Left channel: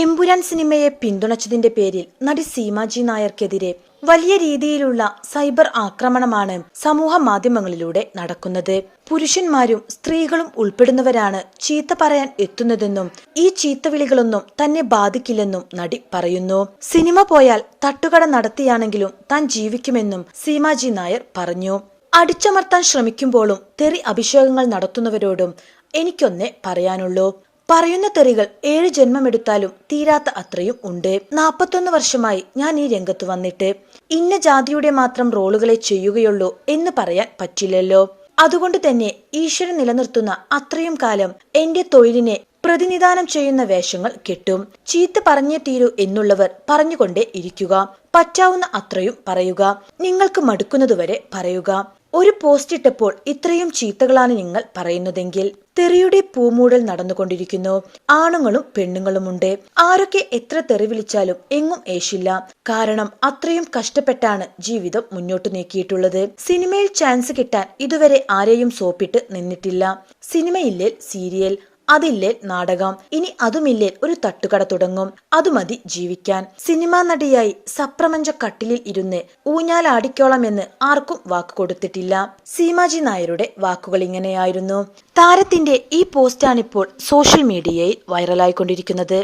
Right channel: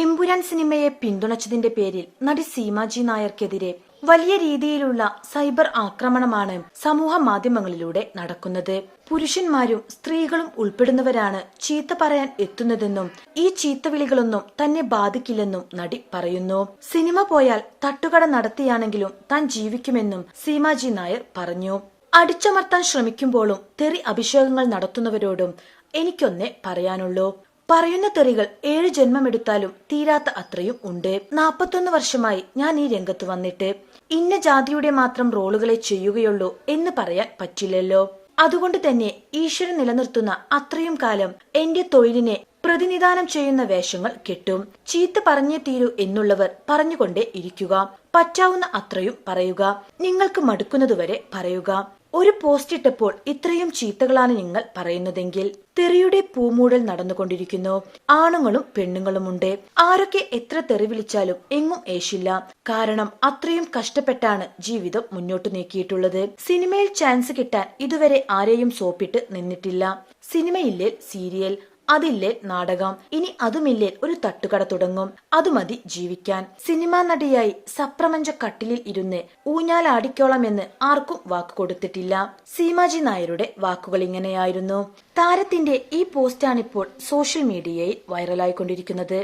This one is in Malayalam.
എമ്പുരാൻ സിനിമയെ പിന്തുണച്ചതിന്റെ പേരിൽ നടി സീമാജി നായർക്കെതിരെ വലിയ രീതിയിലുള്ള സൈബർ ആക്രമണമാണ് സമൂഹ മാധ്യമങ്ങളിലൂടെ നടക്കുന്നത്. പുരുഷന്മാരും സ്ത്രീകളും ഉൾപ്പെടുന്നവരാണ് ചീത്ത പറയാൻ എത്തുന്നതെന്നും ഈ ചീത്തവിളികളൊന്നും തന്നെ ബാധിക്കില്ലെന്നും നടി പറയുന്നു. സിനിമ പോയാൽ തട്ടുകട നടത്തിയാണെങ്കിലും താൻ ജീവിക്കുമെന്നും സീമാജി നായർ പറഞ്ഞു. അടിച്ചമർത്താൻ ശ്രമിക്കുമ്പോഴും തെറി അഭിഷേകങ്ങൾ നടത്തുന്നവരോടും എനിക്കൊന്നേ പറയാനുള്ളൂ. പറയുന്ന തെറികൾ ഏഴ് ജന്മമെടുത്താലും തീരാത്ത അത്രയും ഉണ്ട്. നാപ്പത്തൊന്ന് വർഷമായി ഞാൻ ഈ രംഗത്ത് വന്നിട്ട്. ഇന്ന ജാതിയുടെ മാത്രം റോളുകളെ ചെയ്യുകയുള്ളൂ എന്ന് പറയാൻ പറ്റില്ലല്ലോ. അതുകൊണ്ട് തന്നെ ഈശ്വരൻ നിലനിർത്തുന്ന അത്രയും കാലം എന്റെ തൊഴിലിനെ പ്രതിനിധാനം ചെയ്യുന്ന വേഷങ്ങൾ കിട്ടും. ചീത്ത പറഞ്ഞേ തീരൂ എന്നുള്ളവർ പറഞ്ഞുകൊണ്ടേ ഇരിക്കുക. പറ്റാവുന്ന അത്രയും പറയുക. നിങ്ങൾക്ക് മടുക്കുന്നതുവരെ പറയുക. ഒരു പോസ്റ്റ് ഇട്ടപ്പോൾ ഇത്രയും ചീത്തകളാണ് നിങ്ങൾ പറയുന്നതെങ്കിൽ തെറിയുടെ പൂമൂടൽ നടന്നുകൊണ്ടിരിക്കുന്നു. ആണുങ്ങളും പെണ്ണുങ്ങളുമുണ്ട്. ആരൊക്കെ എത്ര തെറി വിളിച്ചാലും എങ്ങും ഏശില്ല. കാരണം അത്രയും കഷ്ടപ്പെട്ടാണ് ജീവിതം മുന്നോട്ട് നീക്കിയിട്ടുള്ളത്. സിനിമയിൽ ചാൻസ് കിട്ടാൻ ഇതുവരെ ആരെയും സോപ്പിട്ട് നിന്നിട്ടില്ല. സിനിമയില്ലേ സീരിയൽ അതില്ലേ നാടകം. ഇനി അതുമില്ലേ ഒരു തട്ടുകട തുടങ്ങും. അത് മതി ജീവിക്കാൻ. സിനിമാ നടിയായി സപ്രമഞ്ച കട്ടിലിൽ ഇരുന്ന് ഊഞ്ഞാലാടിക്കോളമെന്ന് ആർക്കും വാക്ക് കൊടുത്തിട്ടില്ല. സീമാജി നായരുടെ വാക്കുകൾ ഇങ്ങനെയായിരുന്നു. താരത്തിന്റെ ഈ പോസ്റ്റാണിപ്പോൾ സോഷ്യൽ മീഡിയയിൽ വൈറലായിക്കൊണ്ടിരിക്കുന്നത്.